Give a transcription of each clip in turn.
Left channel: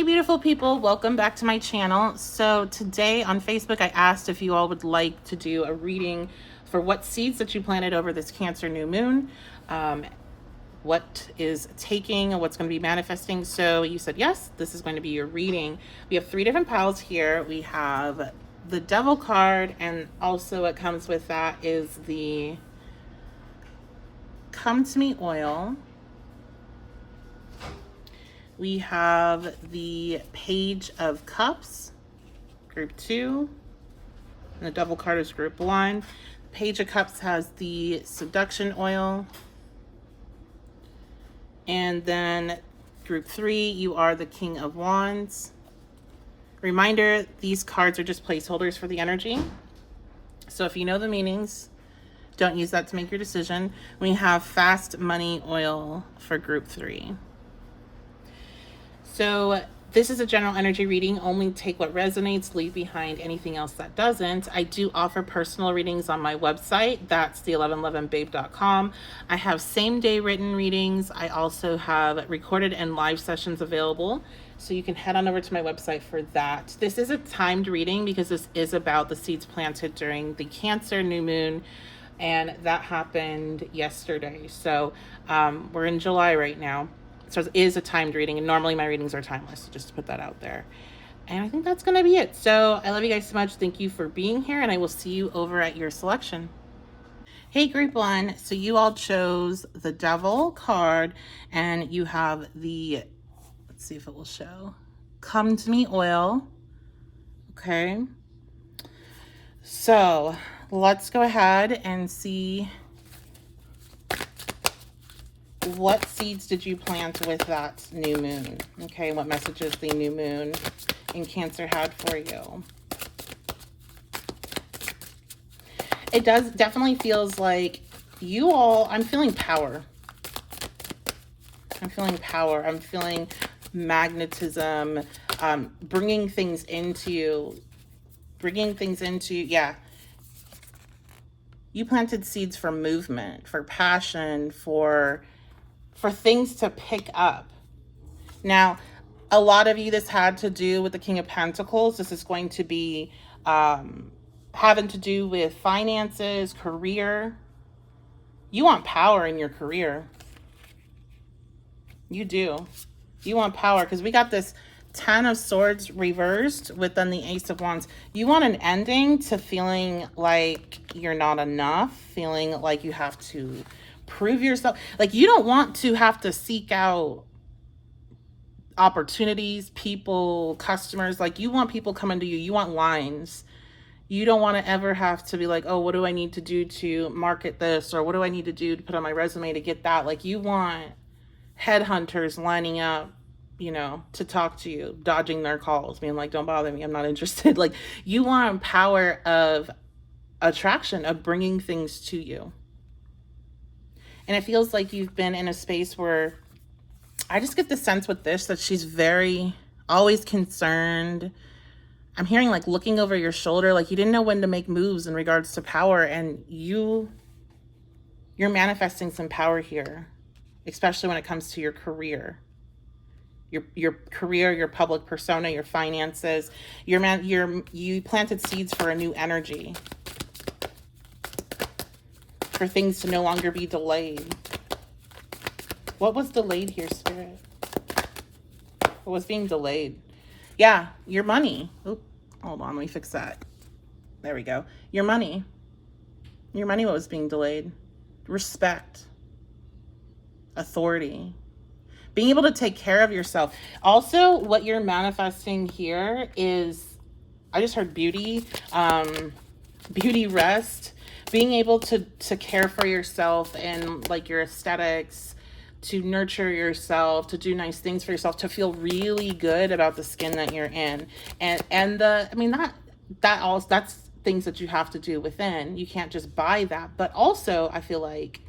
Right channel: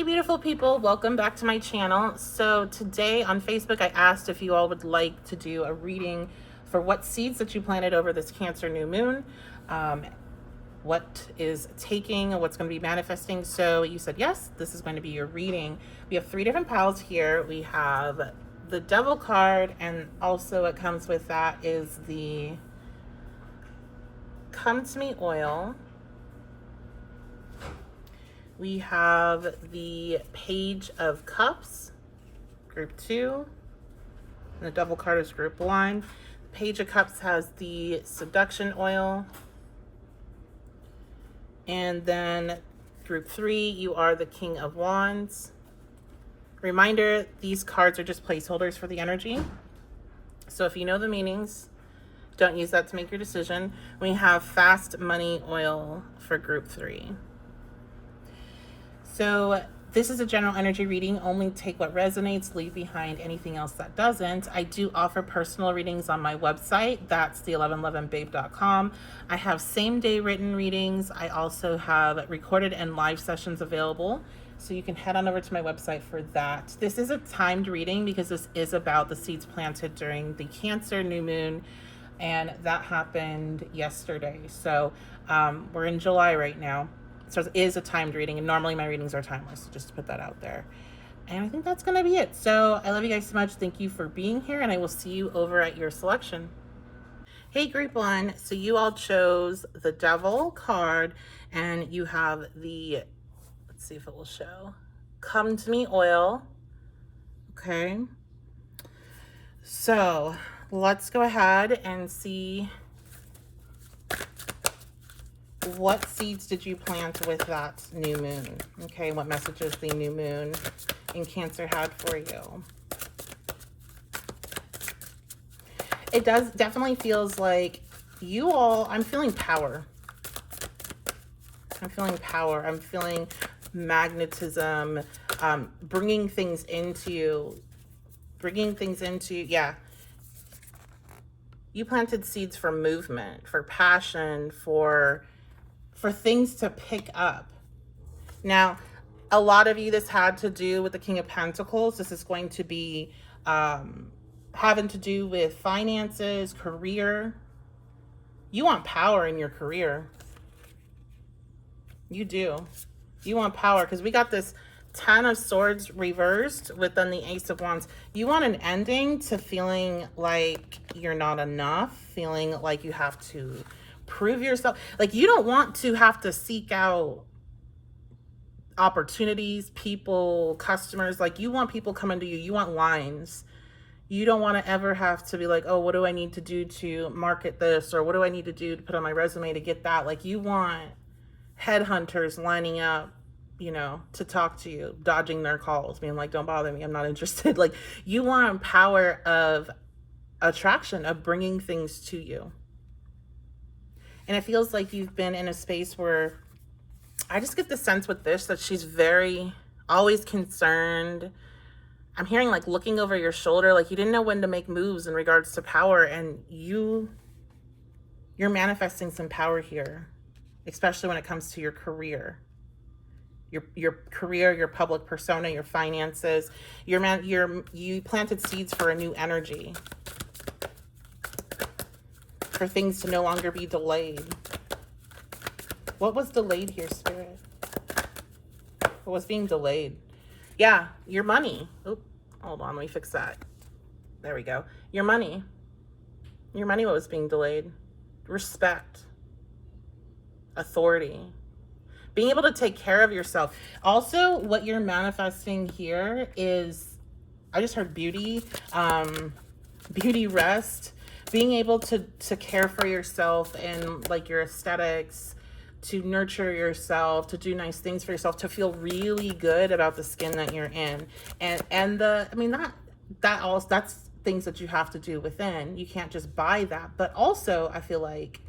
Hey beautiful people, welcome back to my channel. So today on Facebook I asked if you all would like to do a reading for what seeds that you planted over this Cancer new moon, what is taking, what's going to be manifesting. So you said yes, this is going to be your reading. We have 3 different piles here. We have the Devil card, and also what comes with that is the Come to Me oil. We have the Page of Cups, group 2, and the Devil card is group 1. Page of Cups has the Seduction oil, and then group 3, you are the King of Wands. Reminder, these cards are just placeholders for the energy. So if you know the meanings, don't use that to make your decision. We have Fast Money oil for group 3. So this is a general energy reading. Only take what resonates, leave behind anything else that doesn't. I do offer personal readings on my website. That's the1111babe.com. I have same day written readings. I also have recorded and live sessions available. So you can head on over to my website for that. This is a timed reading because this is about the seeds planted during the Cancer new moon. And that happened yesterday. So we're in July right now. So it is a timed reading, and normally my readings are timeless, just to put that out there. And I think that's going to be it. So I love you guys so much. Thank you for being here, and I will see you over at your selection. Hey, group 1. So you all chose the Devil card, and you have the, let's see if it will show, Come to Me oil. Okay. So let's go ahead and see what seeds did you plant with that new moon? Okay, what messages the new moon in Cancer had for you? It definitely feels like you all, I'm feeling power. I'm feeling power. I'm feeling magnetism, bringing things into you. Yeah. You planted seeds for movement, for passion, for things to pick up. Now, a lot of you, this had to do with the King of Pentacles. This is going to be having to do with finances, career. You want power in your career. You do. You want power because we got this 10 of Swords reversed with then the Ace of Wands. You want an ending to feeling like you're not enough, feeling like you have to prove yourself. Like you don't want to have to seek out opportunities, people, customers. Like you want people coming to you. You want lines. You don't want to ever have to be like, oh, what do I need to do to market this? Or what do I need to do to put on my resume to get that? Like you want headhunters lining up, you know, to talk to you, dodging their calls, being like, don't bother me, I'm not interested. Like you want power of attraction, of bringing things to you. And it feels like you've been in a space where I just get the sense with this that she's very always concerned. I'm hearing like looking over your shoulder, like you didn't know when to make moves in regards to power, and you're manifesting some power here, especially when it comes to your career. Your career, your public persona, your finances. You planted seeds for a new energy. For things to no longer be delayed. What was delayed here, Spirit? What was being delayed? Yeah, your money. Oop, hold on, let me fix that. There we go. Your money. Your money was being delayed. Respect. Authority. Being able to take care of yourself. Also, what you're manifesting here is, I just heard beauty, beauty rest. Being able to care for yourself and like your aesthetics, to nurture yourself, to do nice things for yourself, to feel really good about the skin that you're in. And I mean, that's things that you have to do within. You can't just buy that. But also, I feel like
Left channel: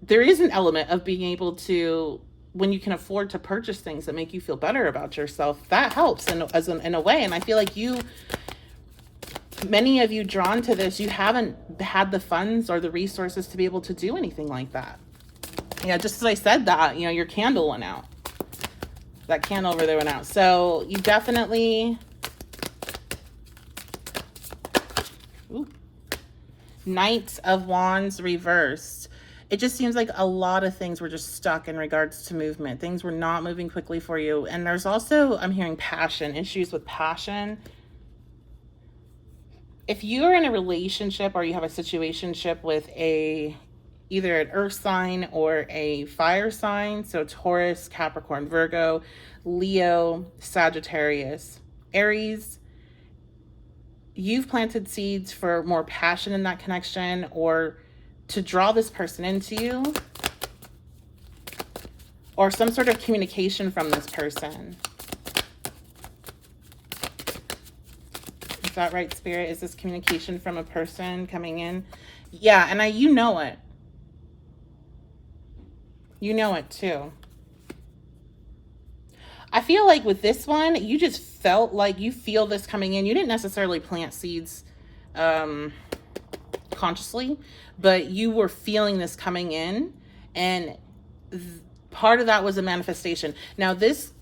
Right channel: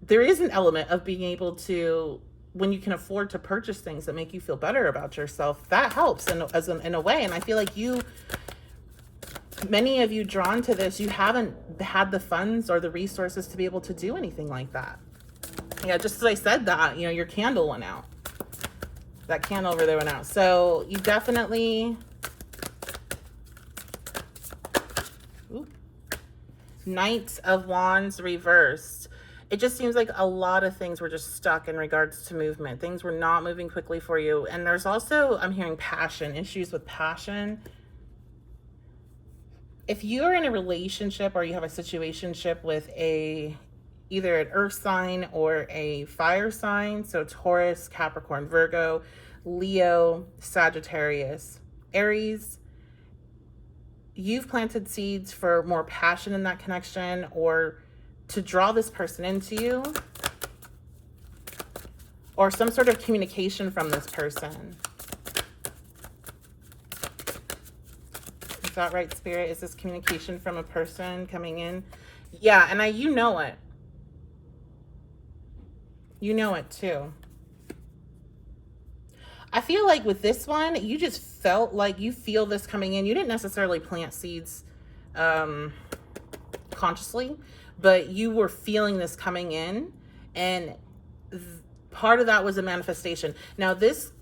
there is an element of being able to, when you can afford to purchase things that make you feel better about yourself, that helps in a way. And I feel like many of you drawn to this, you haven't had the funds or the resources to be able to do anything like that. Yeah, just as I said that, you know, your candle went out. That candle over there went out. So you definitely... Ooh. Knight of Wands reversed. It just seems like a lot of things were just stuck in regards to movement. Things were not moving quickly for you. And there's also, I'm hearing passion, issues with passion. If you're in a relationship or you have a situationship with either an earth sign or a fire sign, so Taurus, Capricorn, Virgo, Leo, Sagittarius, Aries, you've planted seeds for more passion in that connection, or to draw this person into you, or some sort of communication from this person. Is that right, Spirit? Is this communication from a person coming in? Yeah, and you know it. You know it too. I feel like with this one, you just felt like you feel this coming in. You didn't necessarily plant seeds consciously, but you were feeling this coming in, and part of that was a manifestation. Now this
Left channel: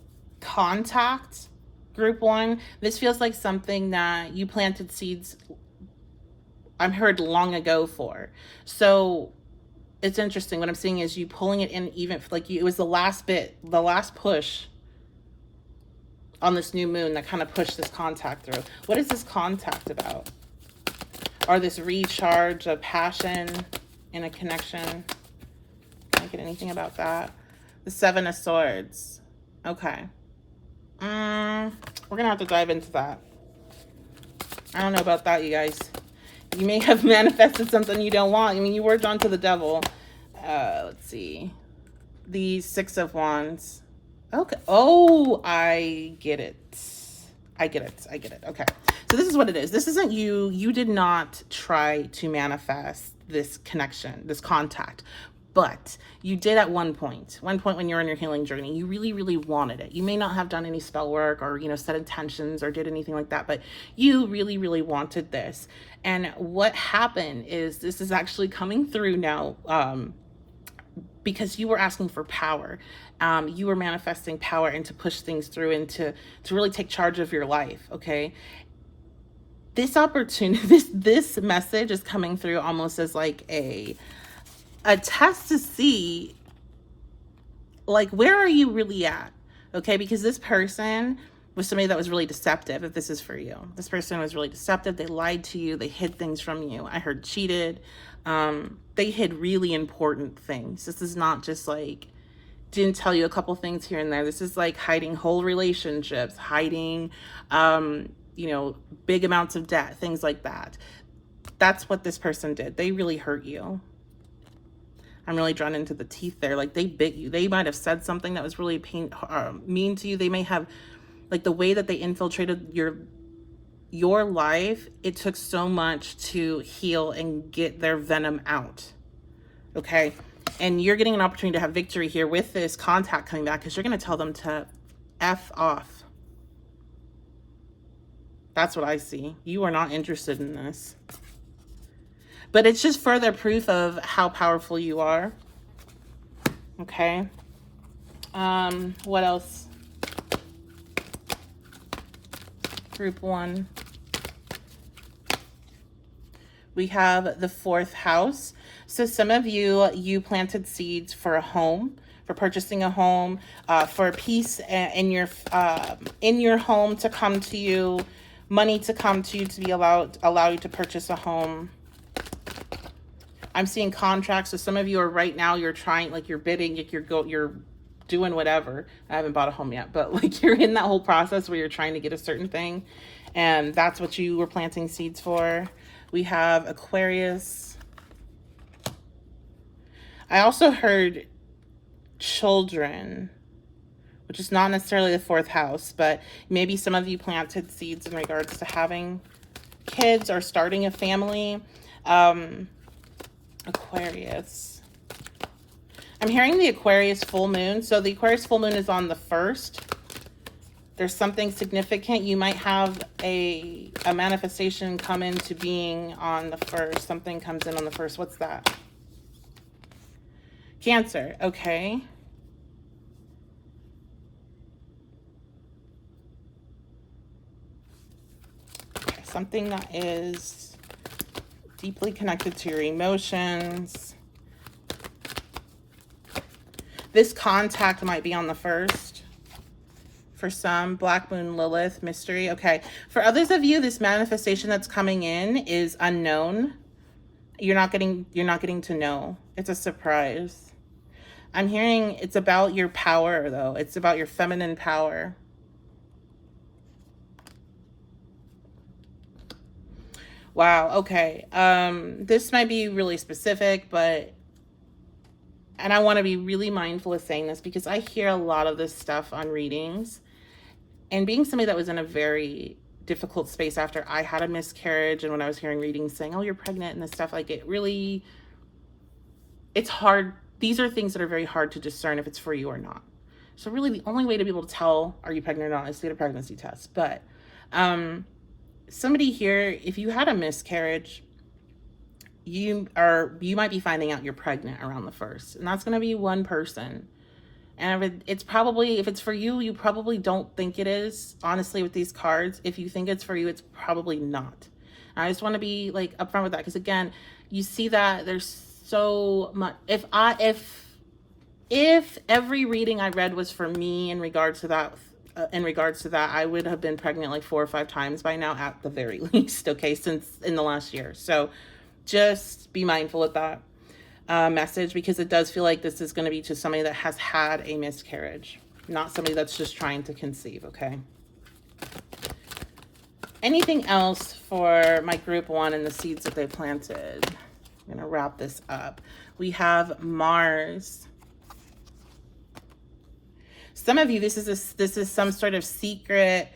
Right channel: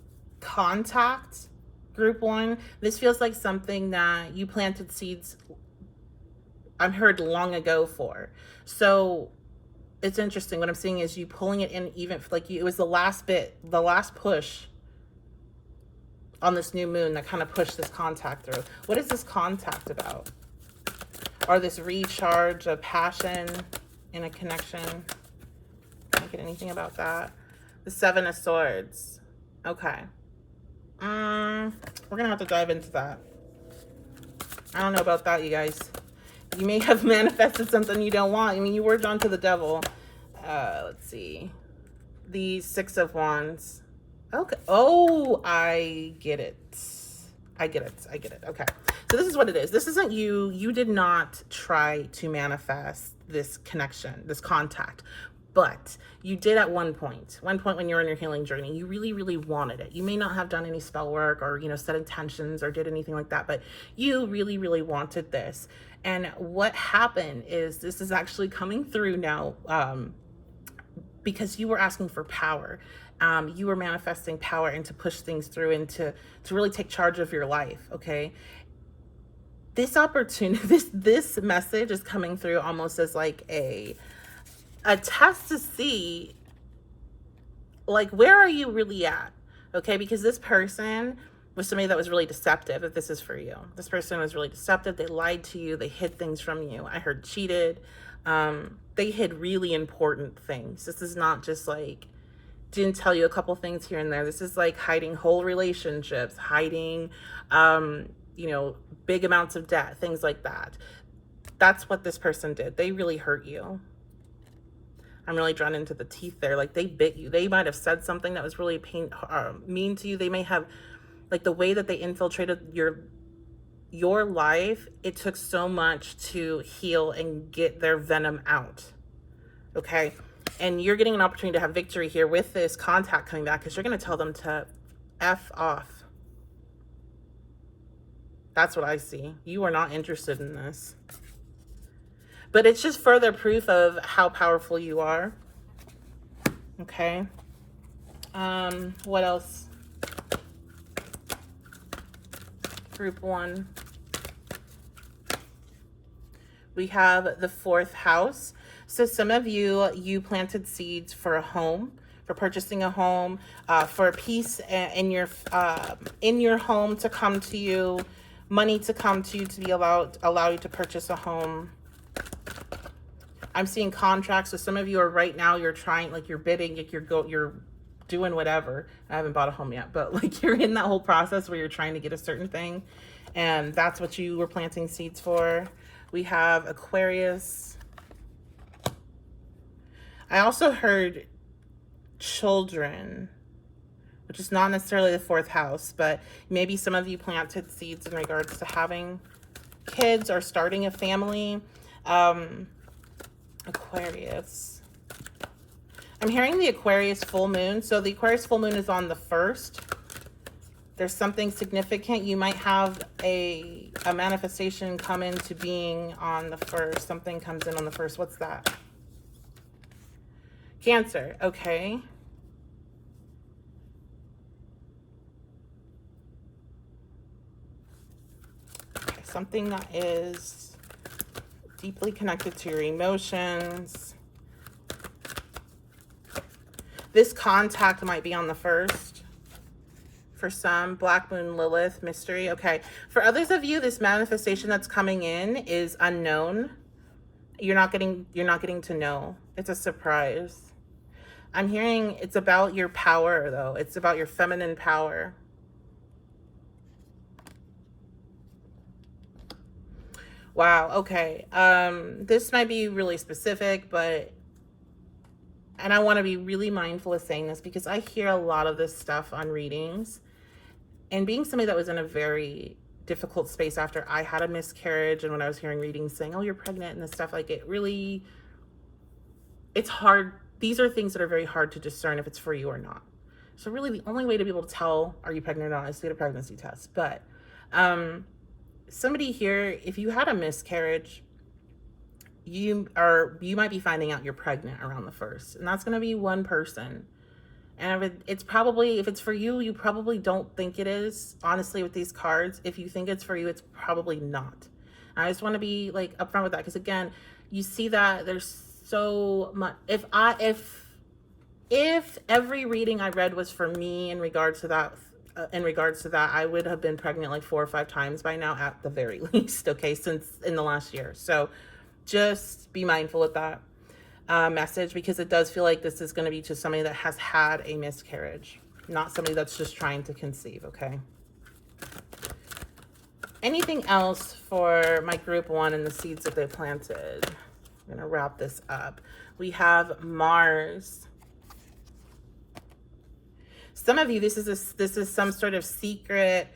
contact, group 1, this feels like something that you planted seeds, I've heard, long ago for. So it's interesting. What I'm seeing is you pulling it in, even like it was the last bit, the last push on this new moon that kind of pushed this contact through. What is this contact about? Or this recharge of passion in a connection? Can't get anything about that. The 7 of Swords. Okay. We're gonna have to dive into that. I don't know about that, you guys. You may have manifested something you don't want. I mean, you worked onto the devil. Let's see. The 6 of Wands. Okay. Oh, I get it. I get it. Okay. So this is what it is. This isn't you. You did not try to manifest this connection, this contact. But you did at one point when you're on your healing journey. You really, really wanted it. You may not have done any spell work or, set intentions or did anything like that, but you really, really wanted this. And what happened is this is actually coming through now because you were asking for power. You were manifesting power and to push things through and to really take charge of your life, okay? This opportunity, this message is coming through almost as like a test to see, like, where are you really at, okay? Because this person was somebody that was really deceptive, if this is for you. This person was really deceptive. They lied to you. They hid things from you. I heard cheated. They hid really important things. This is not just like, didn't tell you a couple things here and there. This is like hiding whole relationships, hiding, big amounts of debt, things like that. That's what this person did. They really hurt you. I'm really drawn into the teeth there. Like, they bit you. They might have said something that was really mean to you. They may have, like, the way that they infiltrated your life, it took so much to heal and get their venom out. Okay? And you're getting an opportunity to have victory here with this contact coming back, because you're going to tell them to F off. That's what I see. You are not interested in this. But it's just further proof of how powerful you are. Okay. What else? Group 1. We have the 4th house. So some of you planted seeds for a home, for purchasing a home, for peace in your home to come to you, money to come to you, to be allow you to purchase a home. I'm seeing contracts. So some of you are right now, you're trying, like, you're bidding, like you're doing whatever. I haven't bought a home yet, but like, you're in that whole process where you're trying to get a certain thing, and that's what you were planting seeds for. We have Aquarius. I also heard children, which is not necessarily the 4th house, but maybe some of you planted seeds in regards to having kids or starting a family. Aquarius. I'm hearing the Aquarius full moon. So the Aquarius full moon is on the 1st. There's something significant. You might have a manifestation come into being on the 1st. Something comes in on the 1st. What's that? Cancer. Okay. Something that is deeply connected to your emotions. This contact might be on the 1st. For some, Black Moon, Lilith, mystery. Okay. For others of you, this manifestation that's coming in is unknown. You're not getting to know. It's a surprise. I'm hearing it's about your power, though. It's about your feminine power. Wow, okay. This might be really specific, and I want to be really mindful of saying this because I hear a lot of this stuff on readings. And being somebody that was in a very difficult space after I had a miscarriage, and when I was hearing readings saying, oh, you're pregnant and this stuff, like it's hard. These are things that are very hard to discern if it's for you or not. So really the only way to be able to tell are you pregnant or not is to get a pregnancy test. But somebody here, if you had a miscarriage, you might be finding out you're pregnant around the 1st, and that's going to be one person. And it's probably, if it's for you, you probably don't think it is. Honestly, with these cards, if you think it's for you, it's probably not. And I just want to be like upfront with that, because again, you see that there's so much. If every reading I read was for me in regards to that, I would have been pregnant like 4 or 5 times by now at the very least. Okay, since in the last year. So just be mindful of that. Message, because it does feel like this is going to be to somebody that has had a miscarriage, not somebody that's just trying to conceive. Okay. Anything else for my group 1 and the seeds that they planted? I'm going to wrap this up. We have Mars. Some of you, this is some sort of secret,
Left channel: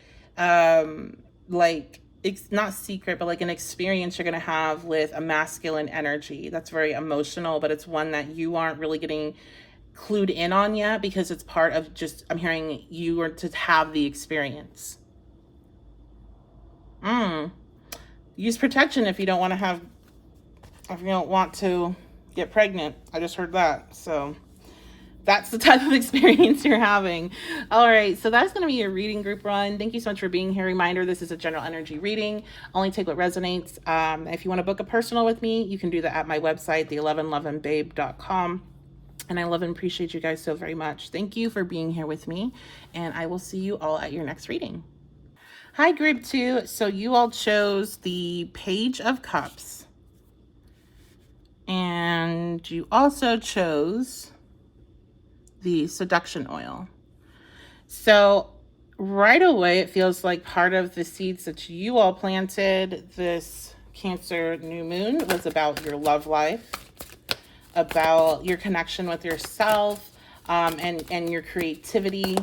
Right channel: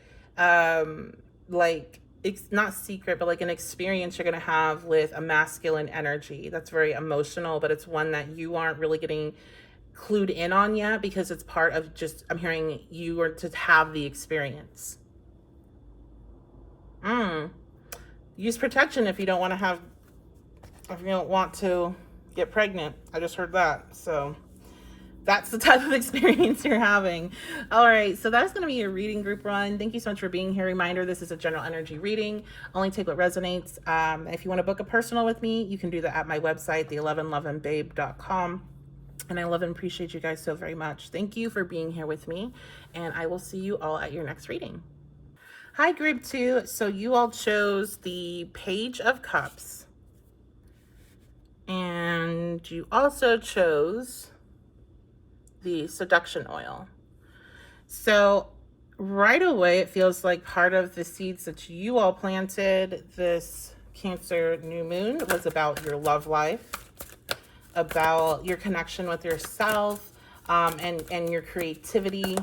like, it's not secret, but like an experience you're going to have with a masculine energy that's very emotional, but it's one that you aren't really getting clued in on yet, because it's part of just, I'm hearing you are to have the experience. Use protection if you don't want to get pregnant. I just heard that. So that's the type of experience you're having. All right, so that's going to be your reading group run. Thank you so much for being here. Reminder, this is a general energy reading. Only take what resonates. If you want to book a personal with me, you can do that at my website, the1111babe.com. And I love and appreciate you guys so very much. Thank you for being here with me, and I will see you all at your next reading. Hi, group 2. So you all chose the Page of Cups, and you also chose the Seduction Oil. So right away, it feels like part of the seeds that you all planted this Cancer new moon was about your love life, about your connection with yourself, and your creativity.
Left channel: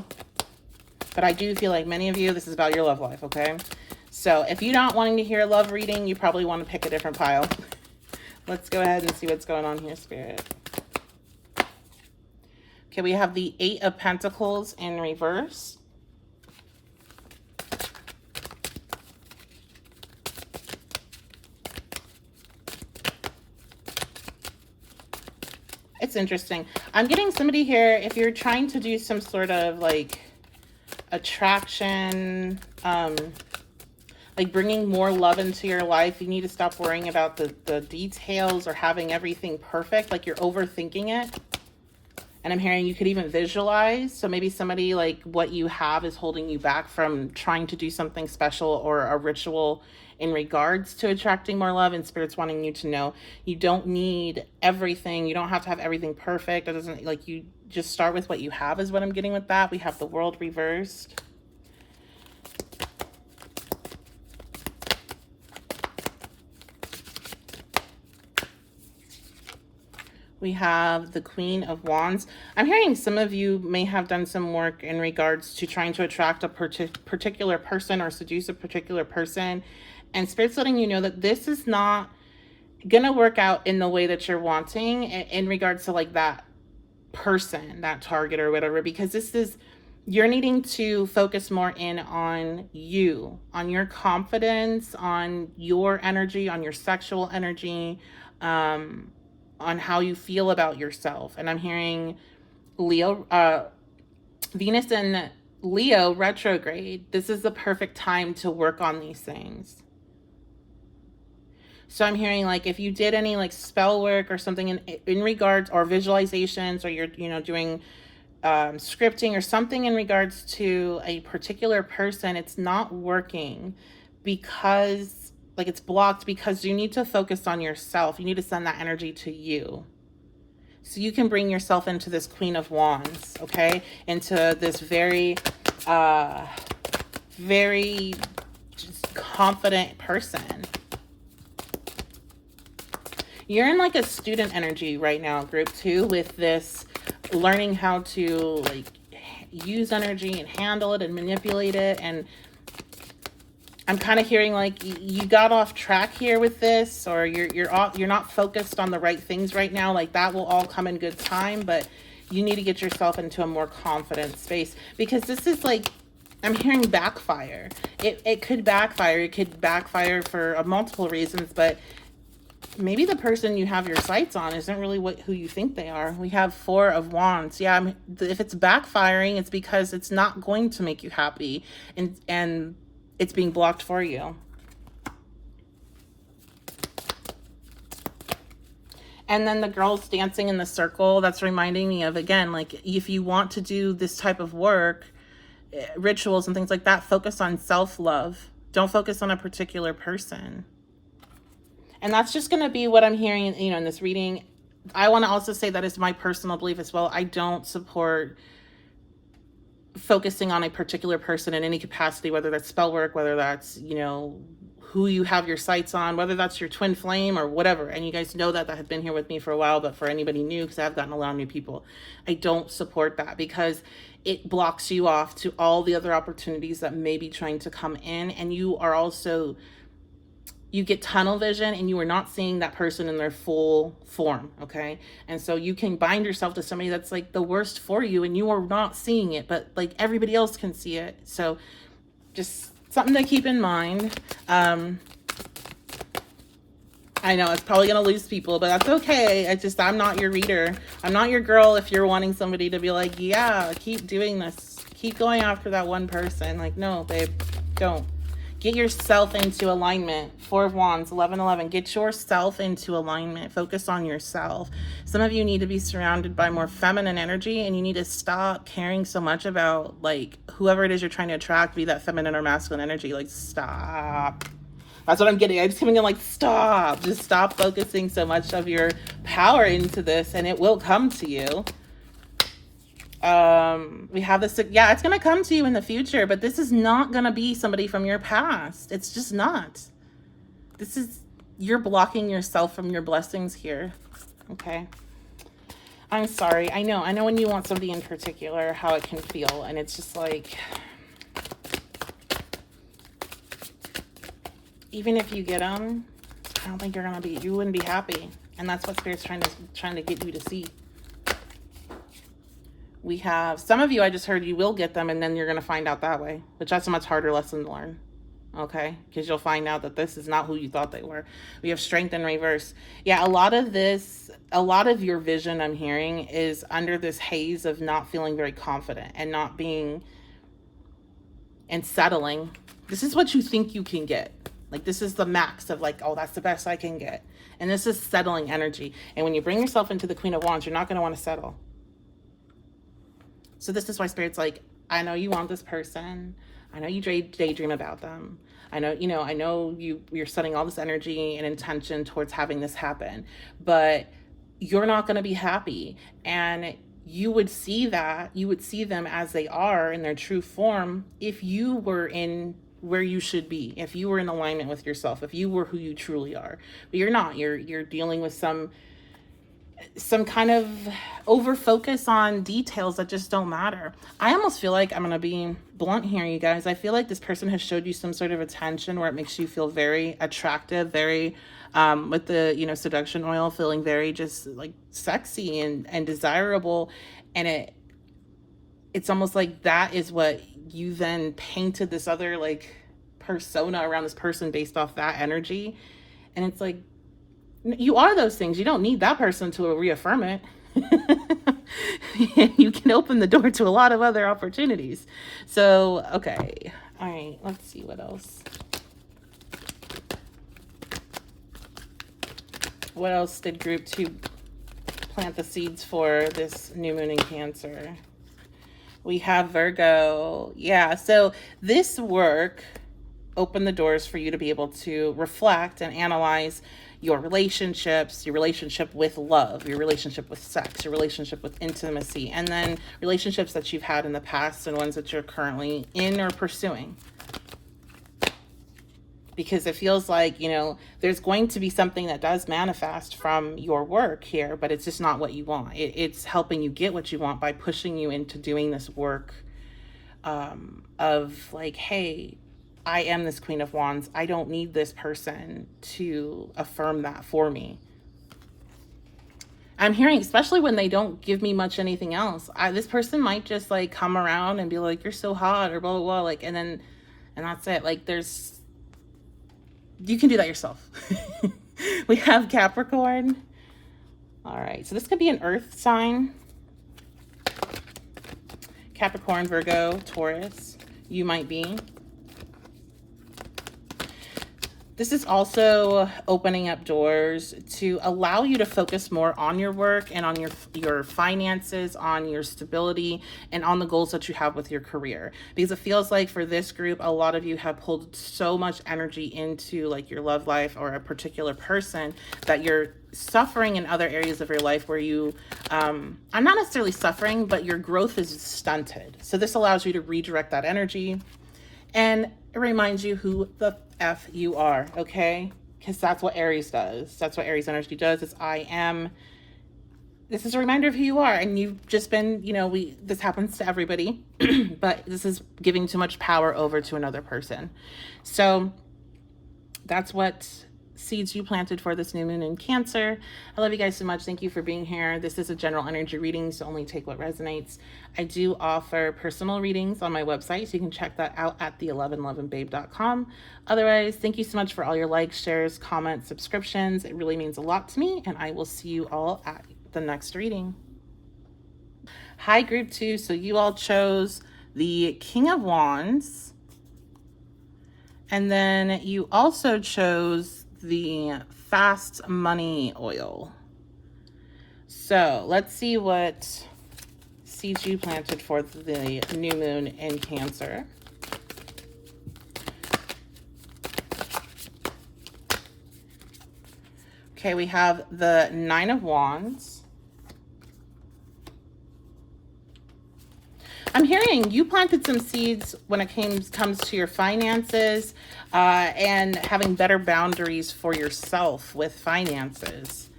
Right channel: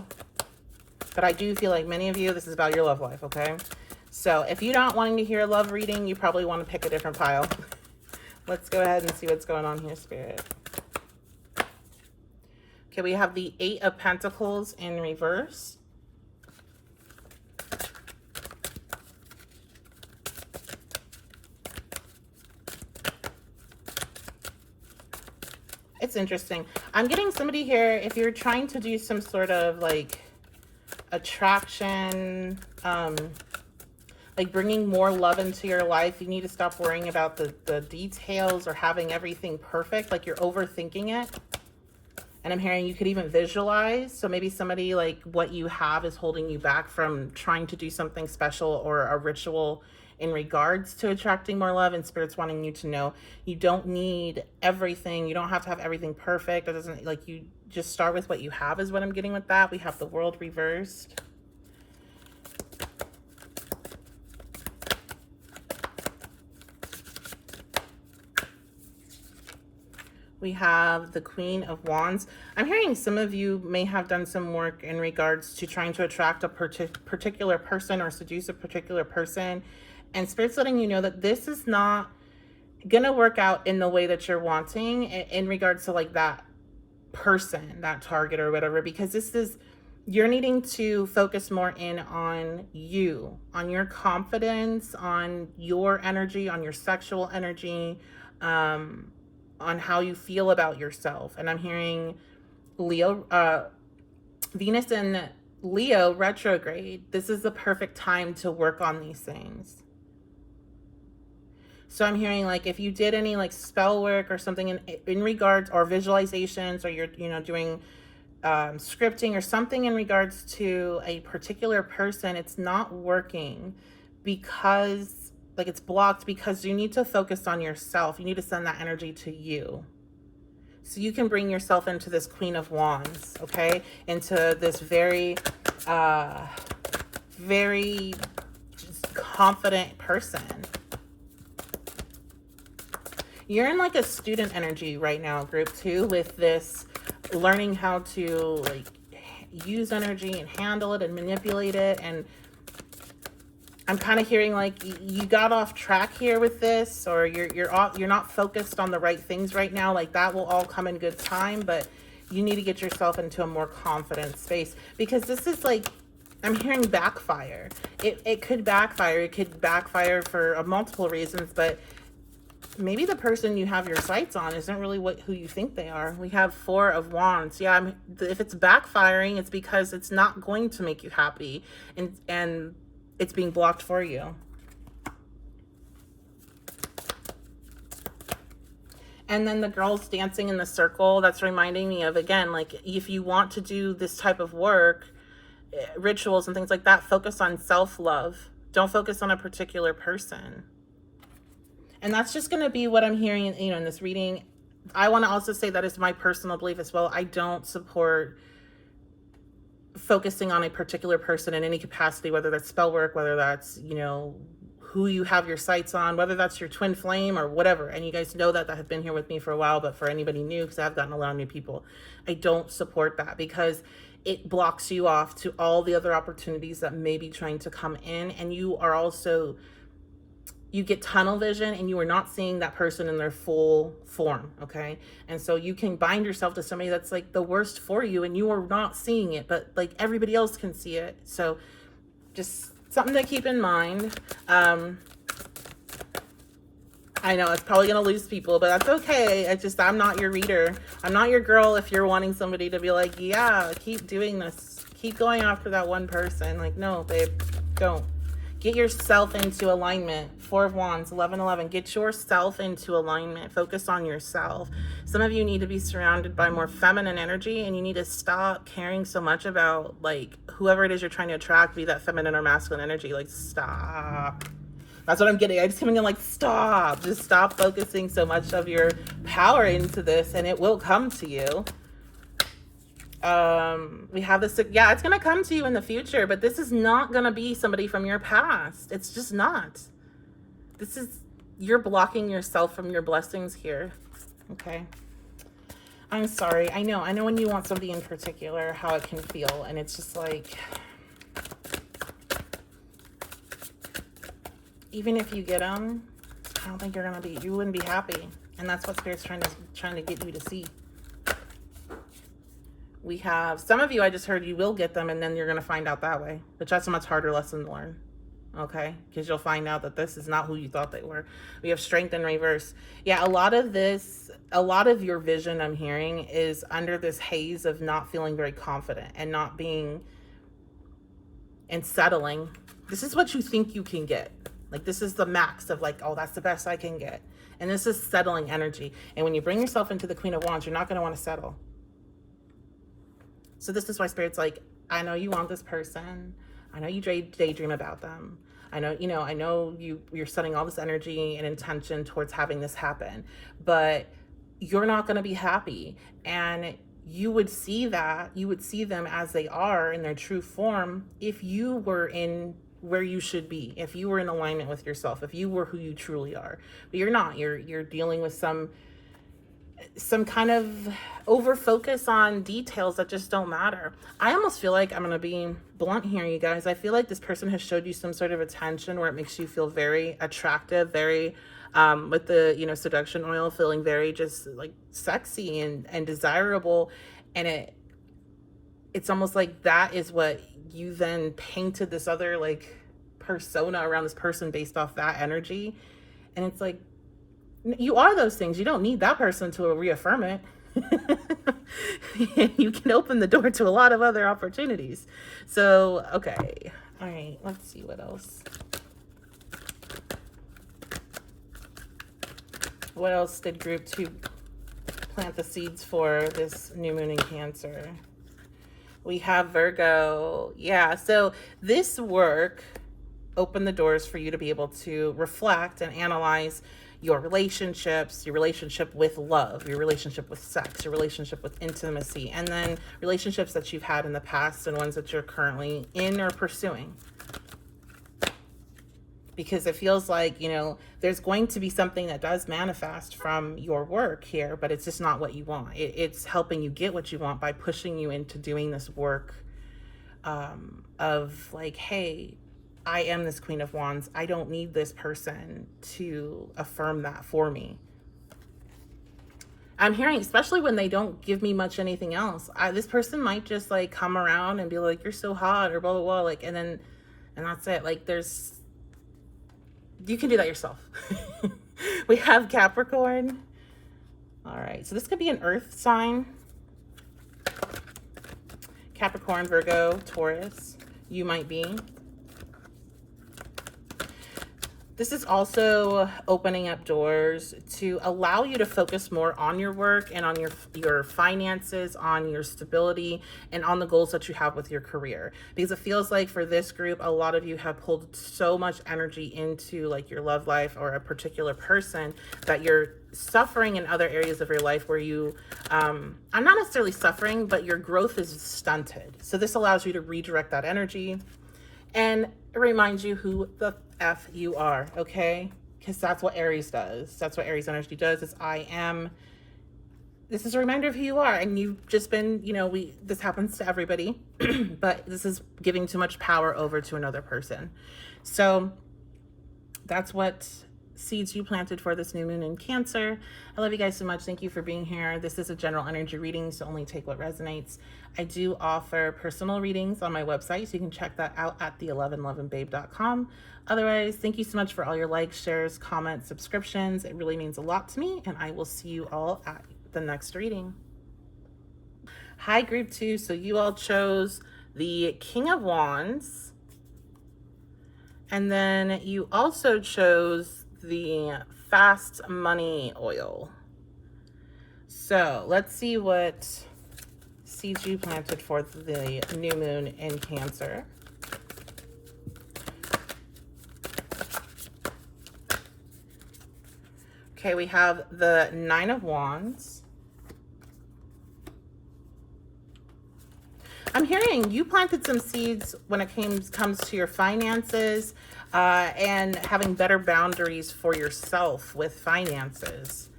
But I do feel like many of you, this is about your love life, okay? So if you're not wanting to hear a love reading, you probably want to pick a different pile. Let's go ahead and see what's going on here, Spirit. Okay, we have the 8 of Pentacles in reverse. It's interesting. I'm getting somebody here, if you're trying to do some sort of like attraction, like bringing more love into your life, you need to stop worrying about the details or having everything perfect, like you're overthinking it. And I'm hearing you could even visualize. So maybe somebody, like what you have is holding you back from trying to do something special or a ritual in regards to attracting more love. And Spirit's wanting you to know you don't need everything. You don't have to have everything perfect. It doesn't, like, you just start with what you have is what I'm getting with that. We have the World reversed. We have the Queen of Wands. I'm hearing some of you may have done some work in regards to trying to attract a particular person or seduce a particular person. And Spirit's letting you know that this is not going to work out in the way that you're wanting in regards to like that person, that target or whatever, because this is, you're needing to focus more in on you, on your confidence, on your energy, on your sexual energy, on how you feel about yourself. And I'm hearing Leo, Venus and Leo retrograde. This is the perfect time to work on these things. So I'm hearing like if you did any like spell work or something in regards, or visualizations, or you're doing scripting or something in regards to a particular person, it's not working because like it's blocked, because you need to focus on yourself. You need to send that energy to you, so you can bring yourself into this Queen of Wands, okay, into this very very just confident person. You're in like a student energy right now, group 2, with this learning how to like use energy and handle it and manipulate it. And I'm kind of hearing like you got off track here with this, or you're not focused on the right things right now. Like that will all come in good time, but you need to get yourself into a more confident space, because this is like, I'm hearing backfire. It could backfire. It could backfire for multiple reasons, but maybe the person you have your sights on isn't really who you think they are. We have 4 of Wands. Yeah, if it's backfiring, it's because it's not going to make you happy, and it's being blocked for you. And then the girls dancing in the circle, that's reminding me of, again, like if you want to do this type of work, rituals and things like that, focus on self-love. Don't focus on a particular person. And that's just going to be what I'm hearing, in this reading. I want to also say that is my personal belief as well. I don't support focusing on a particular person in any capacity, whether that's spell work, whether that's, who you have your sights on, whether that's your twin flame or whatever. And you guys know that have been here with me for a while, but for anybody new, because I've gotten a lot of new people, I don't support that, because it blocks you off to all the other opportunities that may be trying to come in. And you are also, you get tunnel vision, and you are not seeing that person in their full form, okay? And so you can bind yourself to somebody that's like the worst for you, and you are not seeing it, but like everybody else can see it. So just something to keep in mind. I know it's probably going to lose people, but that's okay. I'm not your reader. I'm not your girl if you're wanting somebody to be like, yeah, keep doing this. Keep going after that one person. Like, no, babe, don't. Get yourself into alignment. 4 of Wands, 1111. Get yourself into alignment. Focus on yourself. Some of you need to be surrounded by more feminine energy, and you need to stop caring so much about like whoever it is you're trying to attract, be that feminine or masculine energy. Like, stop. That's what I'm getting. I'm just coming in like, stop. Just stop focusing so much of your power into this, and it will come to you. We have this, yeah, it's going to come to you in the future, but this is not going to be somebody from your past. It's just not. This is, you're blocking yourself from your blessings here. Okay. I'm sorry. I know when you want somebody in particular, how it can feel. And it's just like, even if you get them, I don't think you wouldn't be happy. And that's what Spirit's trying to get you to see. We have some of you, I just heard you will get them, and then you're going to find out that way, which that's a much harder lesson to learn. Okay, because you'll find out that this is not who you thought they were. We have Strength in reverse. Yeah, a lot of your vision, I'm hearing, is under this haze of not feeling very confident and not being, and settling. This is what you think you can get. Like, this is the max of like, oh, that's the best I can get. And this is settling energy. And when you bring yourself into the Queen of Wands, you're not going to want to settle. So this is why Spirit's like, I know you want this person. I know you daydream about them. I know, I know you're setting all this energy and intention towards having this happen, but you're not going to be happy. And you would see them as they are in their true form if you were in where you should be, if you were in alignment with yourself, if you were who you truly are. But you're not. You're dealing with some kind of over focus on details that just don't matter. I almost feel like, I'm going to be blunt here, you guys. I feel like this person has showed you some sort of attention where it makes you feel very attractive, very, with the, seduction oil, feeling very just like sexy and desirable. And it's almost like that is what you then painted this other like persona around this person based off that energy. And it's like, you are those things. You don't need that person to reaffirm it. You can open the door to a lot of other opportunities. So, okay. All right. Let's see what else. What else did group 2 plant the seeds for this new moon in Cancer? We have Virgo. Yeah, so this work opened the doors for you to be able to reflect and analyze your relationships, your relationship with love, your relationship with sex, your relationship with intimacy, and then relationships that you've had in the past and ones that you're currently in or pursuing. Because it feels like, you know, there's going to be something that does manifest from your work here, but it's just not what you want. It's helping you get what you want by pushing you into doing this work of like, hey, I am this Queen of Wands. I don't need this person to affirm that for me. I'm hearing, especially when they don't give me much anything else, this person might just like come around and be like, you're so hot or blah, blah, blah. Like, and that's it. Like you can do that yourself. We have Capricorn. All right, so this could be an earth sign. Capricorn, Virgo, Taurus, you might be. This is also opening up doors to allow you to focus more on your work and on your finances, on your stability, and on the goals that you have with your career. Because it feels like for this group, a lot of you have pulled so much energy into like your love life or a particular person that you're suffering in other areas of your life where you, I'm not necessarily suffering, but your growth is stunted. So this allows you to redirect that energy. And it reminds you who the F you are, okay? Because that's what Aries does. That's what Aries energy does. It's I am. This is a reminder of who you are. And you've just been, you know, this happens to everybody, but this is giving too much power over to another person. So that's what seeds you planted for this new moon in Cancer. I love you guys so much. Thank you for being here. This is a general energy reading, so only take what resonates. I do offer personal readings on my website, so you can check that out at the1111babe.com. Otherwise, thank you so much for all your likes, shares, comments, subscriptions. It really means a lot to me, and I will see you all at the next reading. Hi, group 2. So you all chose the King of Wands, and then you also chose the fast money oil. So let's see what seeds you planted for the new moon in Cancer. Okay, we have the 9 of Wands. I'm hearing you planted some seeds when it comes to your finances and having better boundaries for yourself with finances.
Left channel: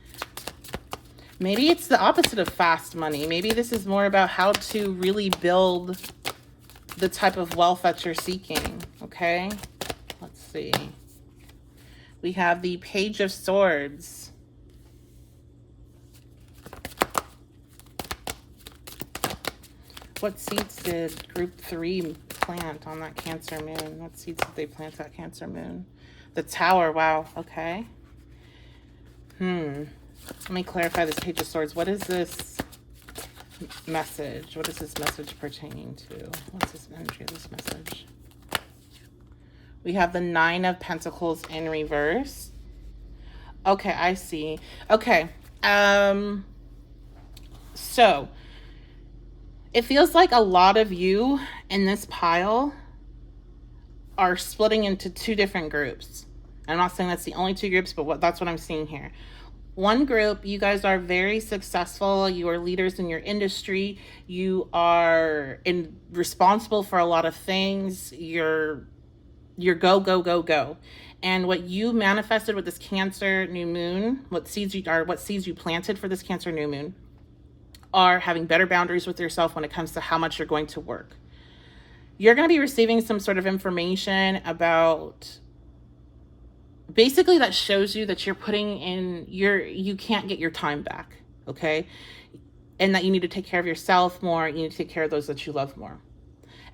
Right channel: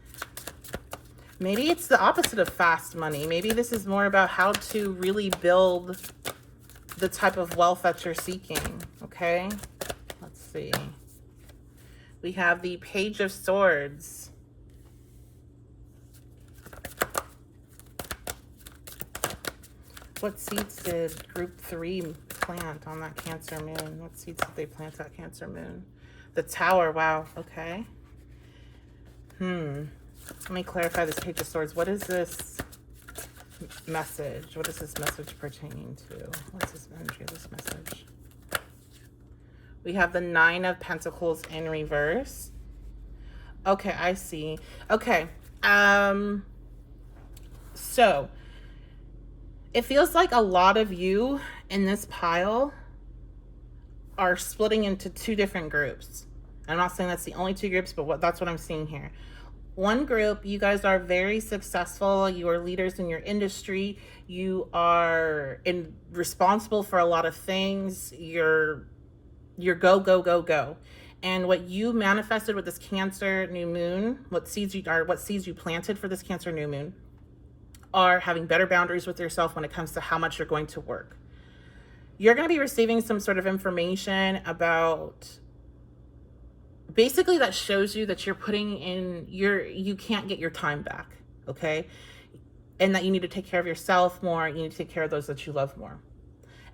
Maybe it's the opposite of fast money. Maybe this is more about how to really build the type of wealth that you're seeking, okay? Let's see. We have the Page of Swords. What seeds did group 3 plant on that Cancer moon? What seeds did they plant that Cancer moon? The Tower, wow, okay. Let me clarify this Page of Swords. What is this message? What is this message pertaining to? What's this energy of this message? We have the 9 of Pentacles in reverse. Okay, I see. Okay, so it feels like a lot of you in this pile are splitting into 2 different groups. I'm not saying that's the only 2 groups, but that's what I'm seeing here. One group, you guys are very successful. You are leaders in your industry. You are responsible for a lot of things. You're go, go, go, go. And what you manifested with this Cancer new moon, what seeds you planted for this Cancer new moon, are having better boundaries with yourself when it comes to how much you're going to work. You're going to be receiving some sort of information about, basically, that shows you that you're putting in you can't get your time back, okay? And that you need to take care of yourself more. You need to take care of those that you love more.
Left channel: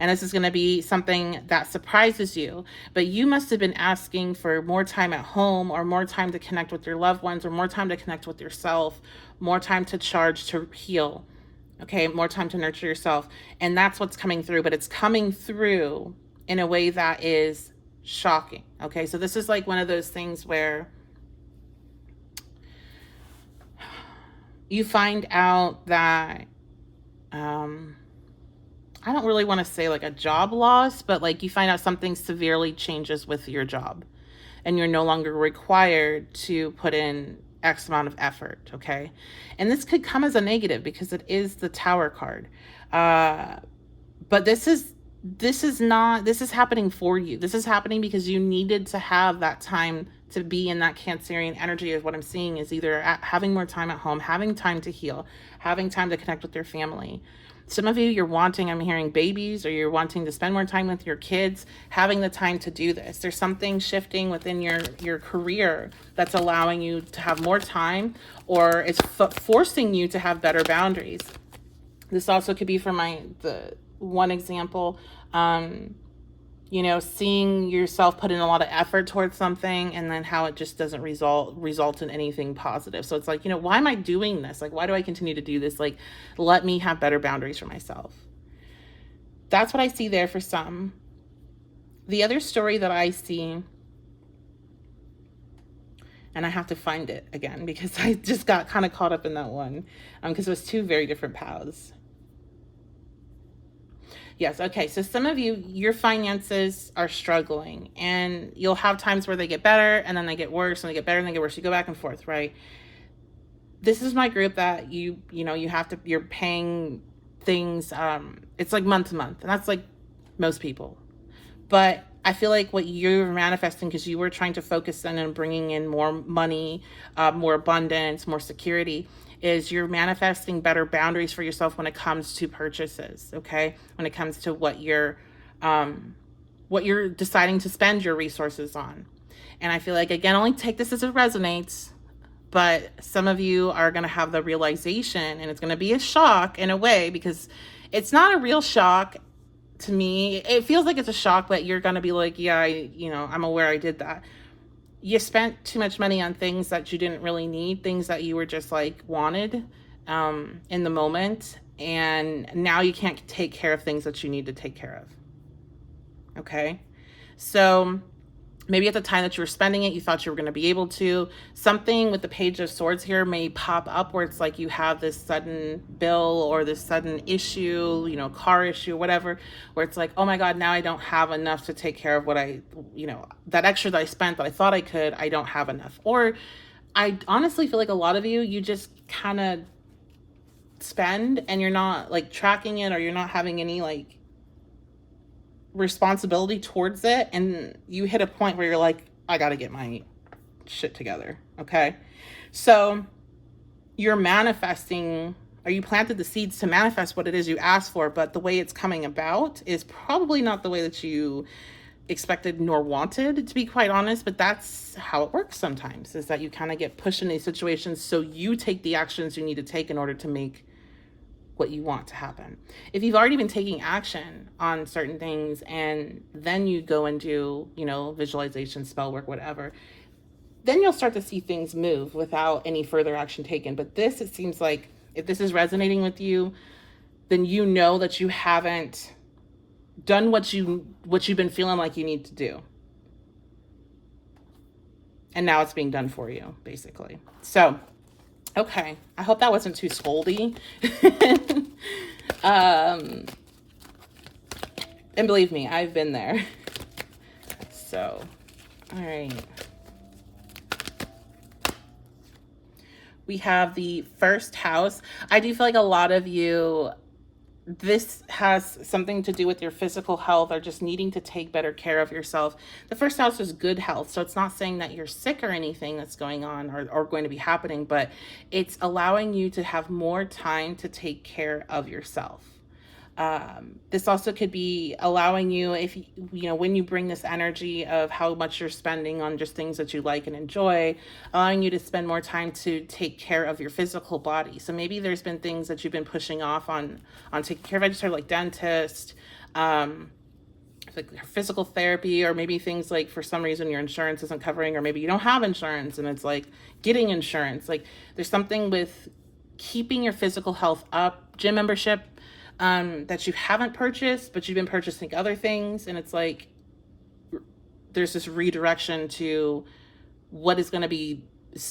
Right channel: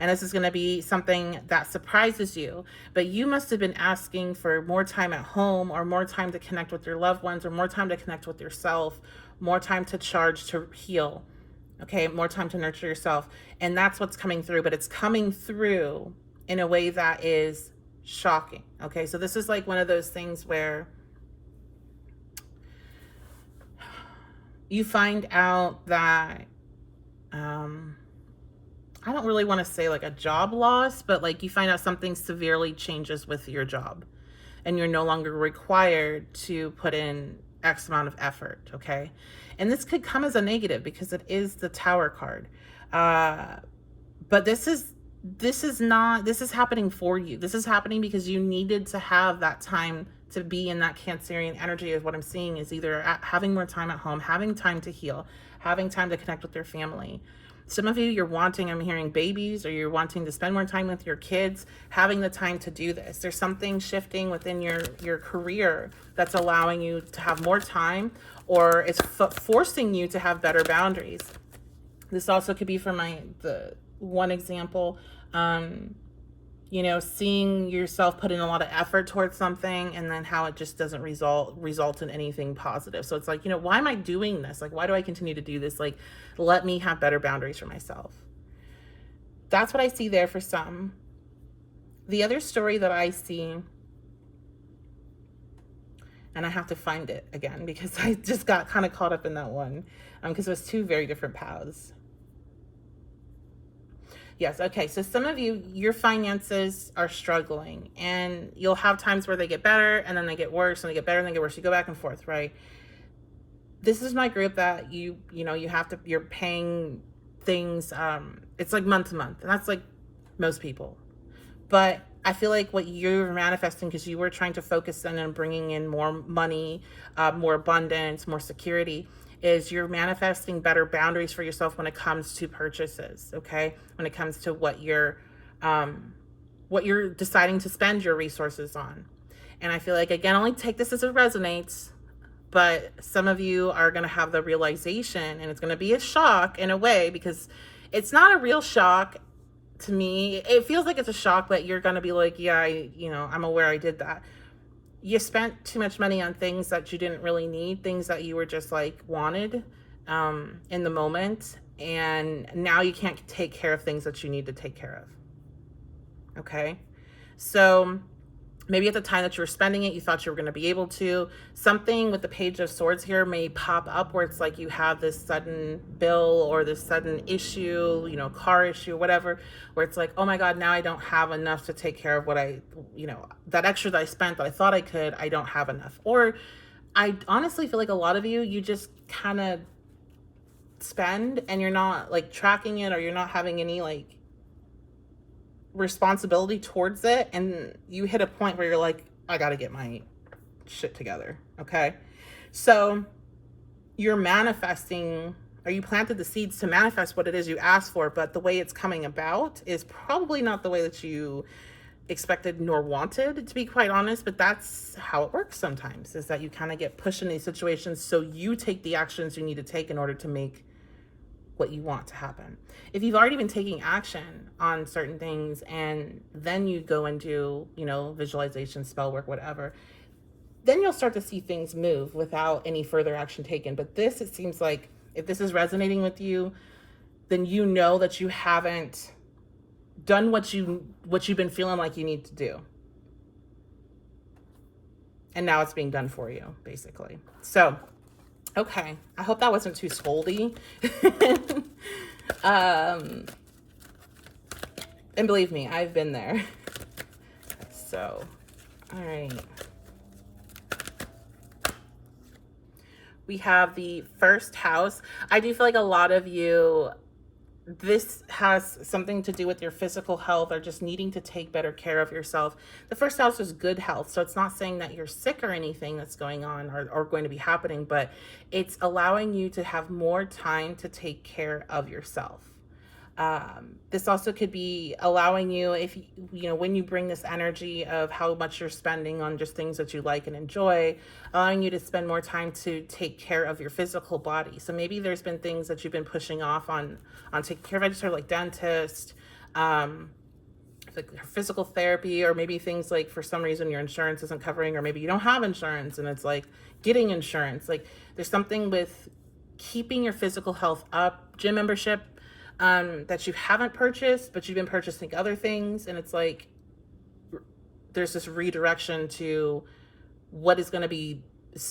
And this is going to be something that surprises you, but you must have been asking for more time at home, or more time to connect with your loved ones, or more time to connect with yourself, more time to charge, to heal, okay? More time to nurture yourself. And that's what's coming through, but it's coming through in a way that is shocking, okay? So this is like one of those things where you find out that, I don't really want to say like a job loss, but like you find out something severely changes with your job and you're no longer required to put in X amount of effort, okay? And this could come as a negative because it is the Tower card. But this is happening for you. This is happening because you needed to have that time to be in that Cancerian energy. Is what I'm seeing is either having more time at home, having time to heal, having time to connect with your family. Some of you, you're wanting, I'm hearing babies, or you're wanting to spend more time with your kids, having the time to do this. There's something shifting within your career that's allowing you to have more time, or it's forcing you to have better boundaries. This also could be for the one example, seeing yourself put in a lot of effort towards something and then how it just doesn't result in anything positive. So it's like, why am I doing this? Like, why do I continue to do this? Like, let me have better boundaries for myself. That's what I see there for some. The other story that I see, and I have to find it again because I just got kind of caught up in that one, because it was two very different paths. Yes, okay. So some of you, your finances are struggling, and you'll have times where they get better and then they get worse and they get better and they get worse. You go back and forth, right? This is my group that you're paying things, it's like month to month, and that's like most people. But I feel like what you're manifesting, because you were trying to focus in on bringing in more money, more abundance, more security, is you're manifesting better boundaries for yourself when it comes to purchases, okay? When it comes to what you're deciding to spend your resources on. And I feel like, again, only take this as it resonates, but some of you are going to have the realization, and it's going to be a shock in a way, because it's not a real shock to me. It feels like it's a shock, but you're going to be like, yeah, I'm aware I did that. You spent too much money on things that you didn't really need, things that you were just like wanted in the moment, and now you can't take care of things that you need to take care of. Okay, so maybe at the time that you were spending it, you thought you were going to be able to. Something with the Page of Swords here may pop up where it's like you have this sudden bill or this sudden issue, car issue, whatever, where it's like, oh my God, now I don't have enough to take care of what that extra that I spent that I thought I could, I don't have enough. Or I honestly feel like a lot of you just kind of spend and you're not like tracking it, or you're not having any like responsibility towards it, and you hit a point where you're like, I gotta get my shit together. Okay, so you're manifesting, or you planted the seeds to manifest what it is you asked for, but the way it's coming about is probably not the way that you expected nor wanted, to be quite honest. But that's how it works sometimes, is that you kind of get pushed in these situations, so you take the actions you need to take in order to make what you want to happen. If you've already been taking action on certain things and then you go and do, visualization, spell work, whatever, then you'll start to see things move without any further action taken. But this, it seems like, if this is resonating with you, then you know that you haven't done what you've been feeling like you need to do. And now it's being done for you, basically. So, okay, I hope that wasn't too scoldy. And believe me, I've been there. So, all right. We have the first house. I do feel like a lot of you, this has something to do with your physical health or just needing to take better care of yourself. The first house is good health. So it's not saying that you're sick or anything that's going on or going to be happening, but it's allowing you to have more time to take care of yourself. This also could be allowing you, if when you bring this energy of how much you're spending on just things that you like and enjoy, allowing you to spend more time to take care of your physical body. So maybe there's been things that you've been pushing off on taking care of. I just heard like dentist, like physical therapy, or maybe things like for some reason your insurance isn't covering, or maybe you don't have insurance and it's like getting insurance. Like there's something with keeping your physical health up. Gym membership, that you haven't purchased, but you've been purchasing other things, and it's like there's this redirection to what is going to be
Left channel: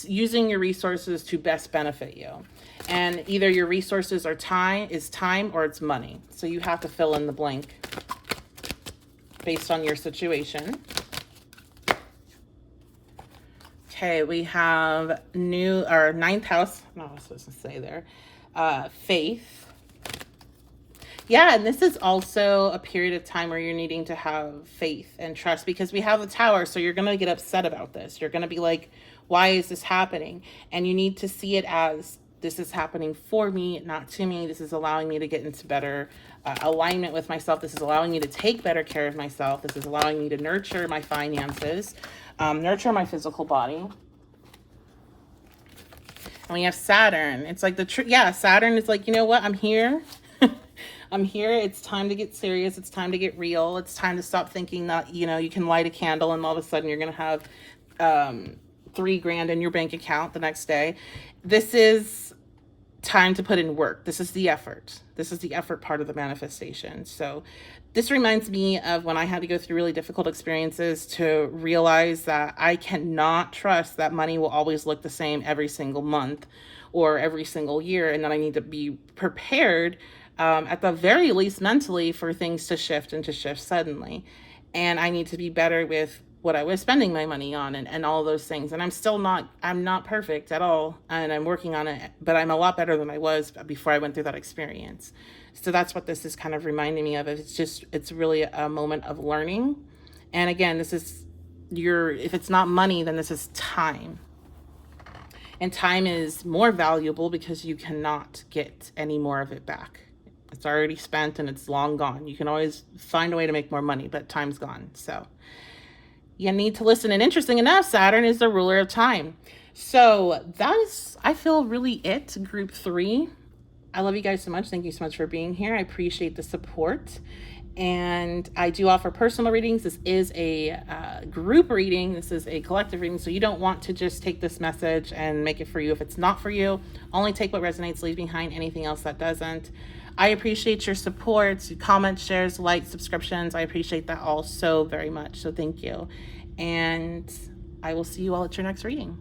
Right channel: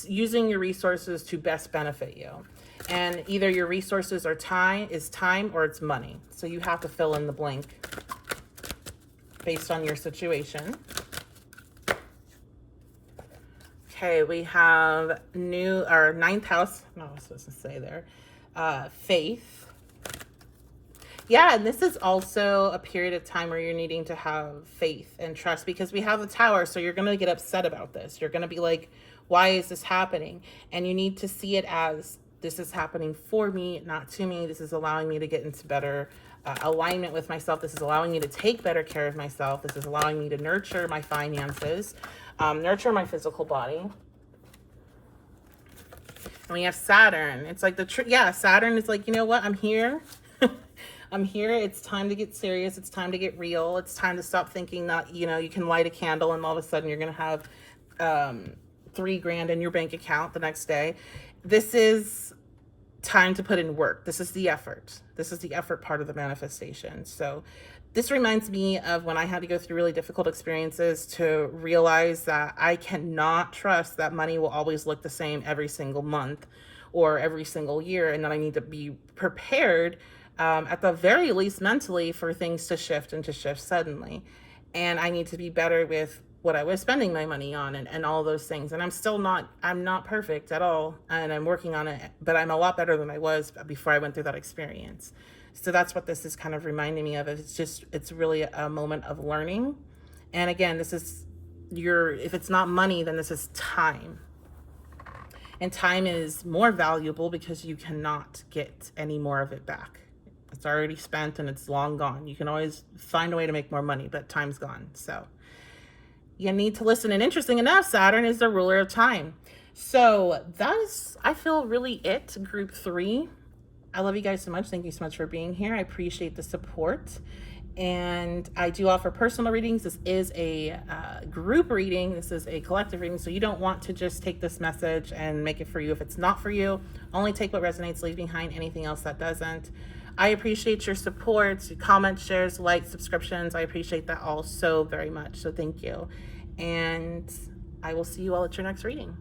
using your resources to best benefit you. And either your resources are time or it's money. So you have to fill in the blank based on your situation. Okay, we have ninth house. No, I was supposed to say there. Faith. Yeah, and this is also a period of time where you're needing to have faith and trust, because we have the Tower, so you're going to get upset about this. You're going to be like, why is this happening? And you need to see it as, this is happening for me, not to me. This is allowing me to get into better alignment with myself. This is allowing me to take better care of myself. This is allowing me to nurture my finances, nurture my physical body. And we have Saturn. It's like Saturn is like, you know what? I'm here. I'm here. It's time to get serious. It's time to get real. It's time to stop thinking that, you can light a candle and all of a sudden you're going to have $3,000 in your bank account the next day. This is time to put in work. This is the effort. This is the effort part of the manifestation. So this reminds me of when I had to go through really difficult experiences to realize that I cannot trust that money will always look the same every single month or every single year. And then I need to be prepared, at the very least mentally, for things to shift and to shift suddenly. And I need to be better with what I was spending my money on and all those things. And I'm not perfect at all. And I'm working on it, but I'm a lot better than I was before I went through that experience. So that's what this is kind of reminding me of. It's really a moment of learning. And again, this is if it's not money, then this is time. And time is more valuable because you cannot get any more of it back. It's already spent and it's long gone. You can always find a way to make more money, but time's gone. So you need to listen. And interesting enough, Saturn is the ruler of time. So that is, I feel, really it, group 3. I love you guys so much. Thank you so much for being here. I appreciate the support. And I do offer personal readings. This is a group reading. This is a collective reading. So you don't want to just take this message and make it for you if it's not for you. Only take what resonates, leave behind anything else that doesn't. I appreciate your support, comments, shares, likes, subscriptions. I appreciate that all so very much. So thank you. And I will see you all at your next reading.